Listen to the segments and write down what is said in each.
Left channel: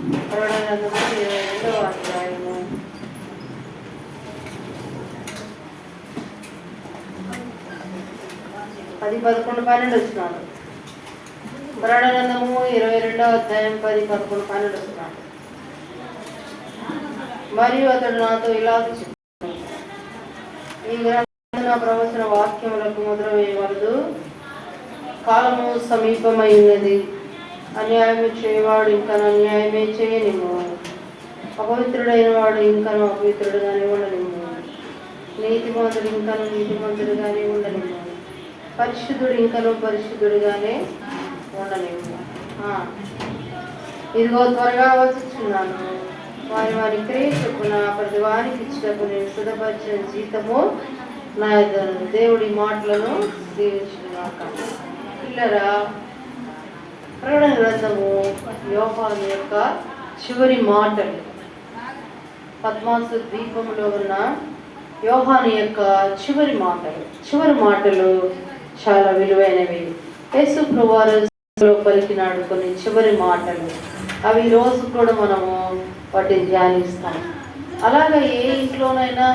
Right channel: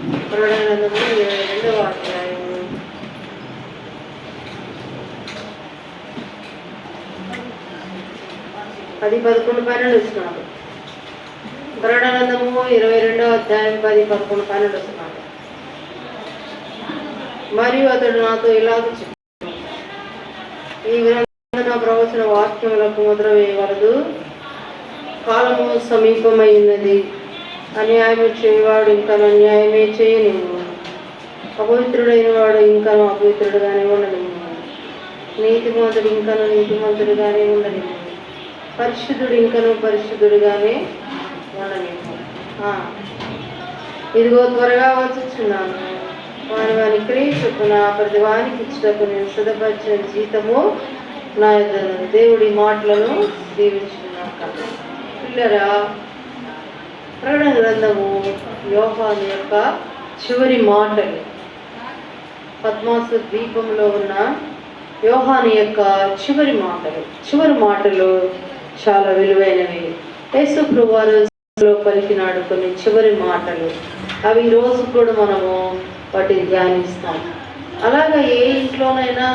ప్రకటన 22వ అధ్యాయము 10, 11, 12 వచ్చినాడు. గ్రంథము 22వ అధ్యాయం 10, 11, 12 వస్తున్నాడు. మరియు అతడు నాతో ఇలాగ చెప్పాడు, ఈ గ్రంథ ప్రవచన వాక్యములకు ముద్ర వేయవలదు, కాలము సమీపమై ఉన్నది. అన్యాయము చేయవాడు ఇంకను అన్యాయమే చేయనివ్వు, అపవిత్రుడైన వాడు ఇంకను అపవిత్రుడుగానే ఉండనివ్వు, నీతిమంతుడు ఇంకను నీతిమంతుడుగానే ఉండనివ్వు, పరిశుద్ధుడు ఇంకను పరిశుద్ధుడుగానే ఉండనివ్వు. ఇదిగో త్వరగా వచ్చుచున్నాను, వారి వారి క్రియ చొప్పున ప్రతి వారికి ఇచ్చుటకు నేను సిద్ధపరిచిన జీతము నా యొద్ద. దేవుడి మాటలను దీవించుకున్నాక పిల్లరా, ప్రకటన గ్రంథము యోహాను యొక్క చివరి మాటలు, పద్మాసు ద్వీపంలో ఉన్న యోహాను యొక్క చివరి మాటలు చాలా విలువైనవి. యేసు ప్రభువారు పలికినాడు కొన్ని చివరి మాటలు. అవి ఈరోజు కూడా మనము వాటిని ధ్యానిస్తాం. అలాగా ఏ ఇంట్లోనైనా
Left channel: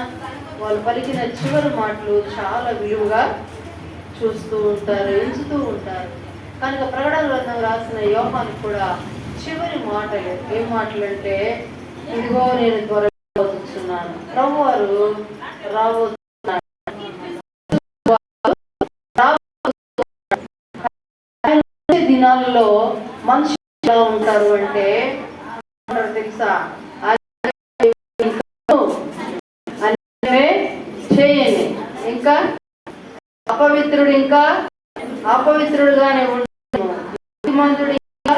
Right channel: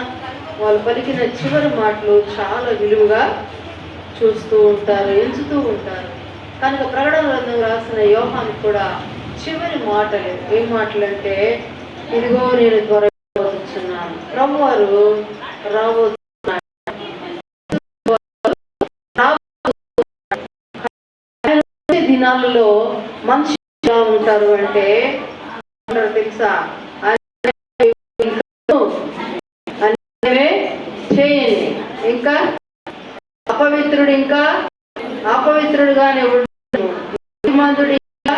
వాళ్ళు పలికిన చివరి మాటలు చాలా విలువగా చూస్తూ ఉంటారు, ఎంచుతూ ఉంటారు. కనుక ప్రకటన గ్రంథం రాసిన యోహాను కూడా చివరి మాటలు ఏం మాటలు అంటే, ఇదిగో నేను త్వరగా వచ్చుచున్నాను, ప్రభువారు రాబోతున్నారు. దినాలలో మనుషులు ఎలా ఉంటారు అంటే తెలుసా, చేయండి, ఇంకా అపవిత్రుడు ఇంకా అపవిత్రుడుగానే ఉండము, నీతిమంతుడు ఇంకా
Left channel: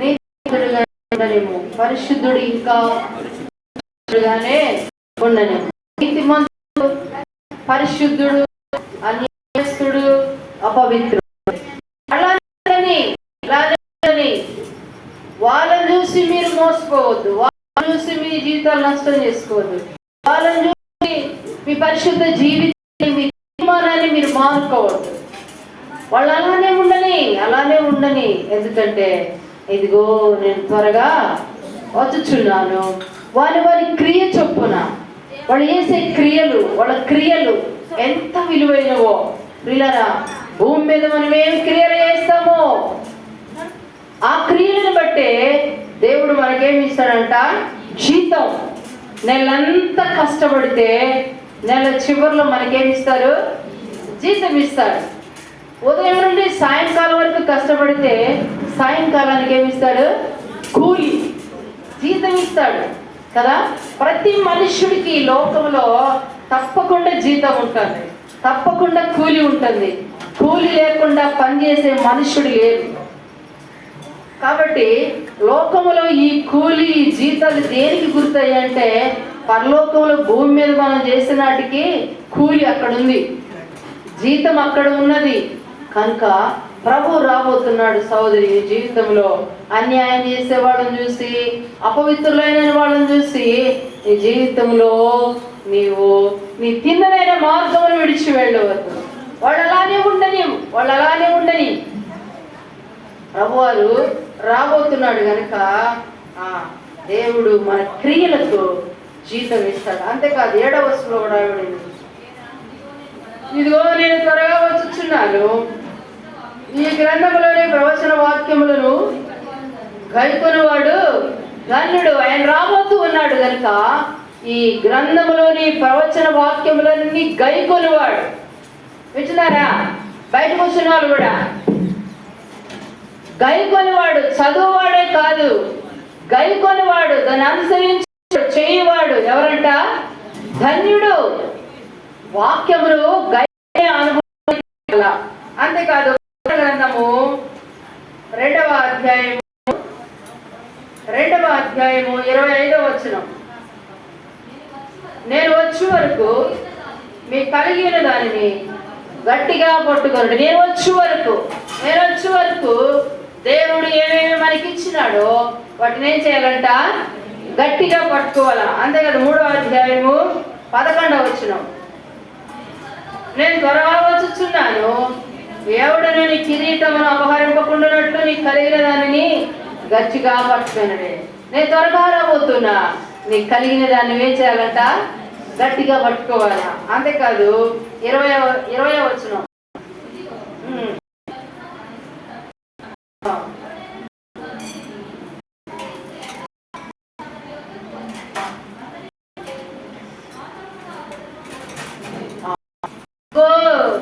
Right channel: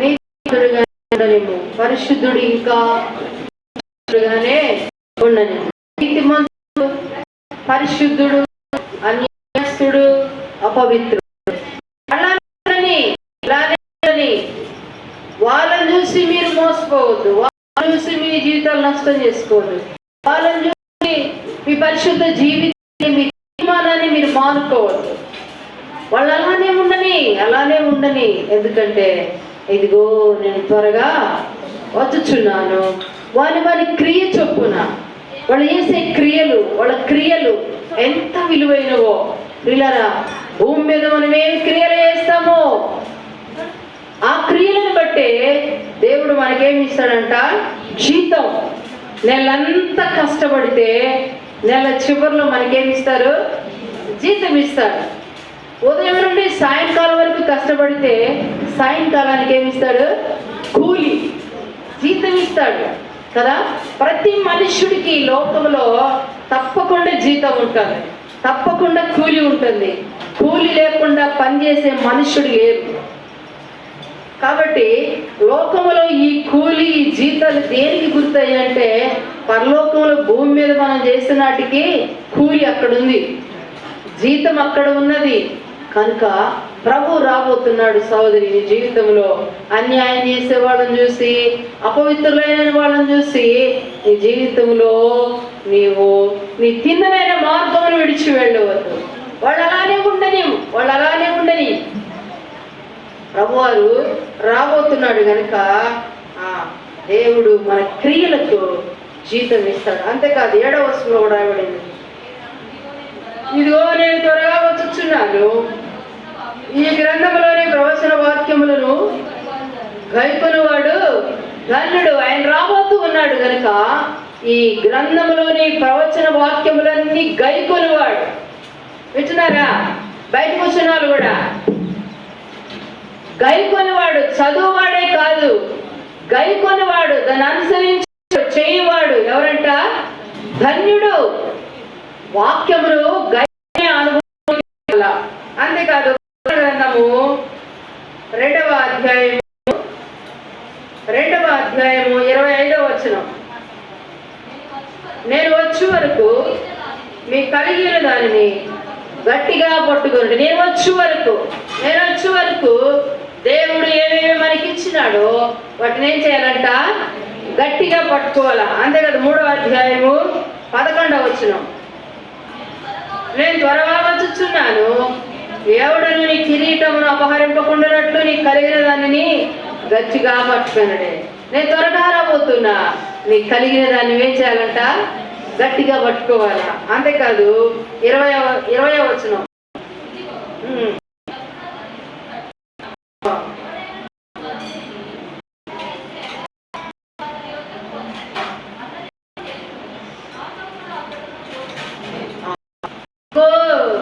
నీతిమంతుడుగానే ఉండలేము, పరిశుద్ధుడు ఇంకా పరిశుద్ధుడుగానే ఉండలేము. నీతిమంతుడు, పరిశుద్ధుడు, అన్యాయస్తుడు, అపవిత్రుడు, వాళ్ళని చూసి మీరు మోసపోవద్దు, వాళ్ళని చూసి మీ జీవితాలు నష్టం చేసుకోవద్దు, వాళ్ళని చూసి మీ పరిశుద్ధ జీవితాన్ని, మీ తీర్మానాన్ని మీరు మానుకోవద్దు. వాళ్ళు అలానే ఉండని. ఎందుకంటే ఇదిగో నేను త్వరగా వచ్చుచున్నాను. వారి క్రియ చొప్పున వాళ్ళు చేసే వాళ్ళ క్రియలు ఎంత విలువైనవో. పిల్లరా, భూమి మీద మనం ఏం క్రియలు చేస్తామో ఆ క్రియలను బట్టే దేవుడు మనకేమి ఇస్తాడంట, జీతం. నెలంతా కష్టపడితే నెల చివరిలో మనకేమిస్తారు, జీతం ఇస్తాడు. ఉదయం నుండి సాయంకాలం వరకు కష్టపడితే సాయంకాలానికి ఏమిస్తాడు, కూలి, జీతం ఇస్తాడు కదా. ప్రతి మనుష్యుడికి లోకంలో తప్పకుండా జీతం ఉంటుంది, తప్పకుండా కూలి ఉంటుంది. కూలి లేకుండా పనిచేసే మనుష్యుడు లేరు. కాబట్టి లోకంలో ఈ కూలి, ఈ జీతాలు దేనికి గుర్తయ్యంటే, పరలోకంలో భూమి మీద మనం చేసిన వాటికి కూలి అక్కడ ఉంది, జీతం అక్కడ ఉన్నది. కనుక ప్రభు రాబోతున్నాడు సహోదరి. నీ జీవితంలో అన్యాయం చేసే వాళ్ళని చూసి, అపవిత్రులైన వాళ్ళని చూసి నీ జీవితంలో నీవు నీ తిన్నమైన మార్గంలో విడిచి వెళ్ళవద్దు. వాళ్ళు అలానే ఉండని. ప్రభువారు రాబోతున్నాడు కనుక దేవుడు మన క్రియలకు జీతం ఇస్తాడు. అంతేకాదు 7వ వచనంలో కూడా రాయబడింది, ఇదిగో నేను త్వరగా వచ్చుచున్నాను, ఈ గ్రంథంలోని ప్రవచన వాక్యములను గైకొనువాడు ధన్యుడు. ఆయన రాబోతూ ఉన్నాడు కనుక ఈ గ్రంథంలోని ప్రవచన వాక్యములన్నీ గైకొనువాడు. వింటున్నారా? బయట కూర్చున్నాడు కూడా గైకొనివాడు, చదువువాడే కాదు, గైకొనివాడు, దాన్ని అనుసరించి చేయవాడు ఎవరంట, ధన్యుడు. వాక్యములు గై అనుభవం. అంతేకాదు గ్రంథము 2వ అధ్యాయము 25వ వచనం, నేను వచ్చే వరకు మీ కలిగిన దానిని గట్టిగా పట్టుకోండి. నేను వచ్చే వరకు దేవుడు ఏమేమి మనకి ఇచ్చినాడో వాటిని ఏం చేయాలంట, గట్టిగా పట్టుకోవాలా. అంతేకాదు 3వ అధ్యాయము 11వ వచనం, నేను త్వరగా వచ్చుచున్నాను, ఎవడను నీ కిరీటమును అపహరింపకుండానట్లు నీ కలిగిన దానిని గట్టిగా పట్టుకున్నాడే. నేను త్వరగా రాబోతున్నా. నీకు కలిగిన దాన్ని ఏం చేయాలంట? గట్టిగా పట్టుకోవాలా. అంతేకాదు 20వ వచనం.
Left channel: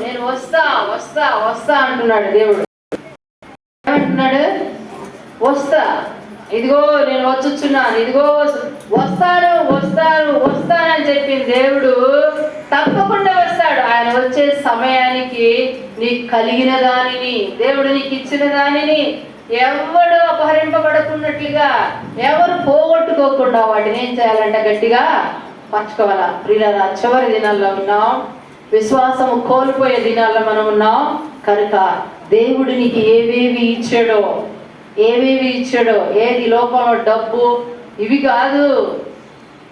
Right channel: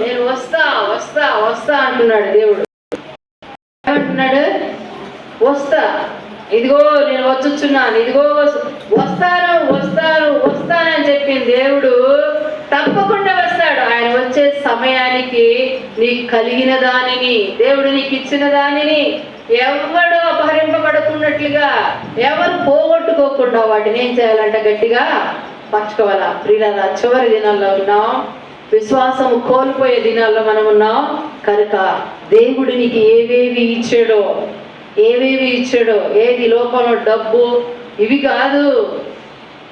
నేను వస్తా వస్తా వస్తా అంటున్నాడు దేవుడు. ఏమంటున్నాడు? వస్తా, ఇదిగో నేను వచ్చుచున్నాను, ఇదిగో వస్తాను వస్తాను వస్తానని చెప్పిన దేవుడు తప్పకుండా వస్తాడు. ఆయన వచ్చే సమయానికి నీకు కలిగిన దానిని, దేవుడు నీకు ఇచ్చిన దానిని ఎవడు అపహరింపబడుతున్నట్లుగా, ఎవరు పోగొట్టుకోకుండా వాటిని ఏం చేయాలంట? గట్టిగా పట్టుకోవాలా. ప్రియులారా, చివరి దినాల్లో ఉన్నాం, విశ్వాసము కోల్పోయే దినాల్లో మనం ఉన్నాం కనుక దేవుడు నీకు ఏవేవి ఇచ్చాడో, ఏది లోకంలో డబ్బు ఇవి కాదు,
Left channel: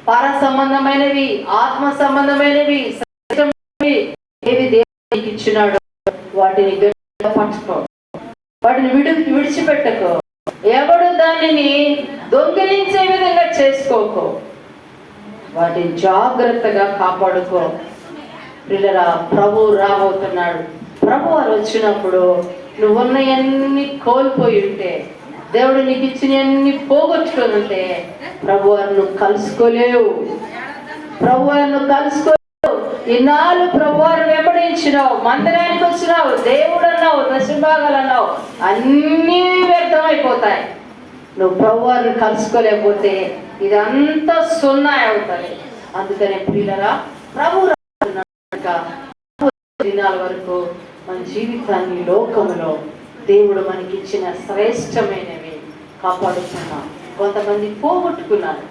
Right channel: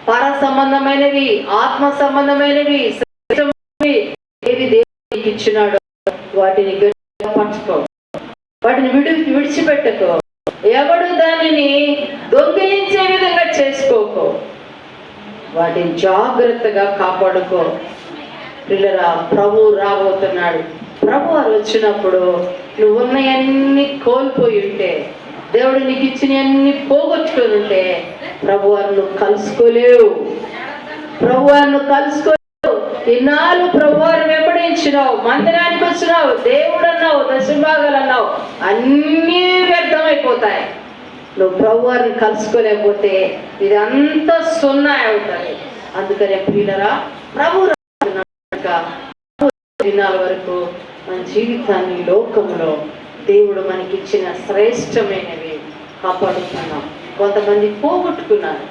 పర సంబంధమైనవి, ఆత్మ సంబంధమైనవి, ఏవి దేవుడు నీకు ఇచ్చినాడో వాటిని గట్టిగా పట్టుకో, వాటిని విడిచిపెట్టకో. ఎవడు దానిని దొంగిలించే విధంగా చేసుకోకో, వాటిని జాగ్రత్తగా కాపాడుకో. పిల్లరా, ప్రభు రాబోతున్నాడు. ప్రభు వారు వచ్చినప్పుడు నువ్వున్నవన్నీ కోల్పోయి ఉంటే, దేవుడు నీకు ఇచ్చినవన్నీ పోగొట్టుకొని ఉంటే ప్రభు వారు నువ్వు కలుసుకోలేవు. ప్రభు వారు నువ్వు కలుసుకోలేవు. ఇన్నాళ్ళు ప్రభు వారు వెంబడించినావు, మందిరానికి వచ్చినావు, దేవుడు అన్నావు, దశభాగాలు అన్నావు, అన్నీ వ్యర్థమైపోతాయి. నువ్వు ప్రభు వారిని కలుసుకోలేకపోతే ఇదంతా సున్నా అవుతాయి. అందుకనే పిల్లరా, ప్రభు దినాల వరకు మన జీవితాన్ని లోకంలో దేవుడు మనకిచ్చిన శ్రేష్టమైనవి కాపాడుతున్నాం. కొంతమంది పోగొట్టుకున్నారు,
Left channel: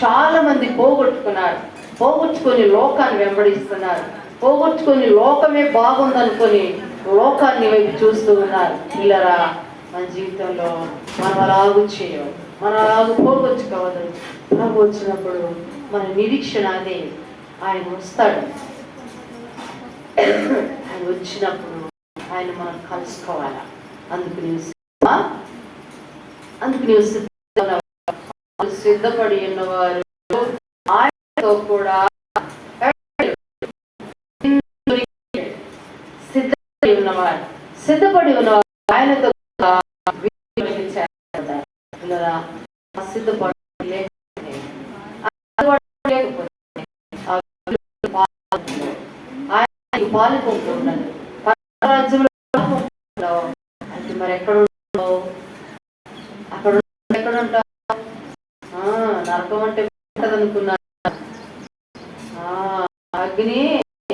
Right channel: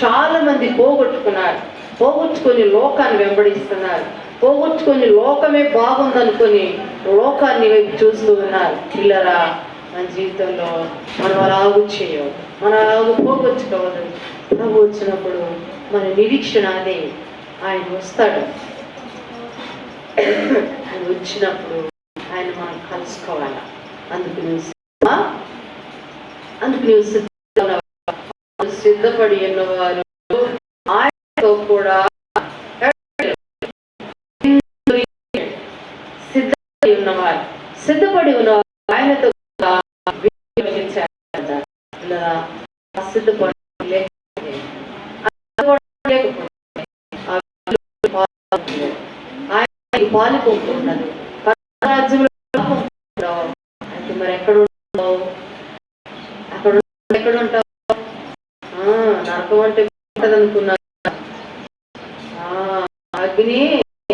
చాలా మంది పోగొట్టుకొని లోకాన్ని వెంబడిస్తున్నారు, పోగొట్టుకొని లోకమే బాగుందనుకొని లోకాన్ని వైపు చూస్తూ ఉన్నారు. పిల్లరా, మన జీవితంలో మనం అలాగూ చేయవు, మనం అలాగూ పోగొట్టుకోవద్దు. ప్రభు వచ్చినప్పుడు మన నిరీక్షణ అదే, ఆయన వస్తాడు. ఆయన వచ్చినప్పుడు ఆయన మనం కలుసుకోవాలి. అందుకు సిద్ధపడి ఉన్నవారు ఆయనతో కూడా సిద్ధపడి ఉన్నవారు ఆయనతో సిద్ధపడి పాలుకుంటున్నది రాజ్యంలో. మరి ఎక్కడ ఉంటావు? ఎక్కడ ఉంటావు? నరకం అంటే అనుకున్నా అగ్ని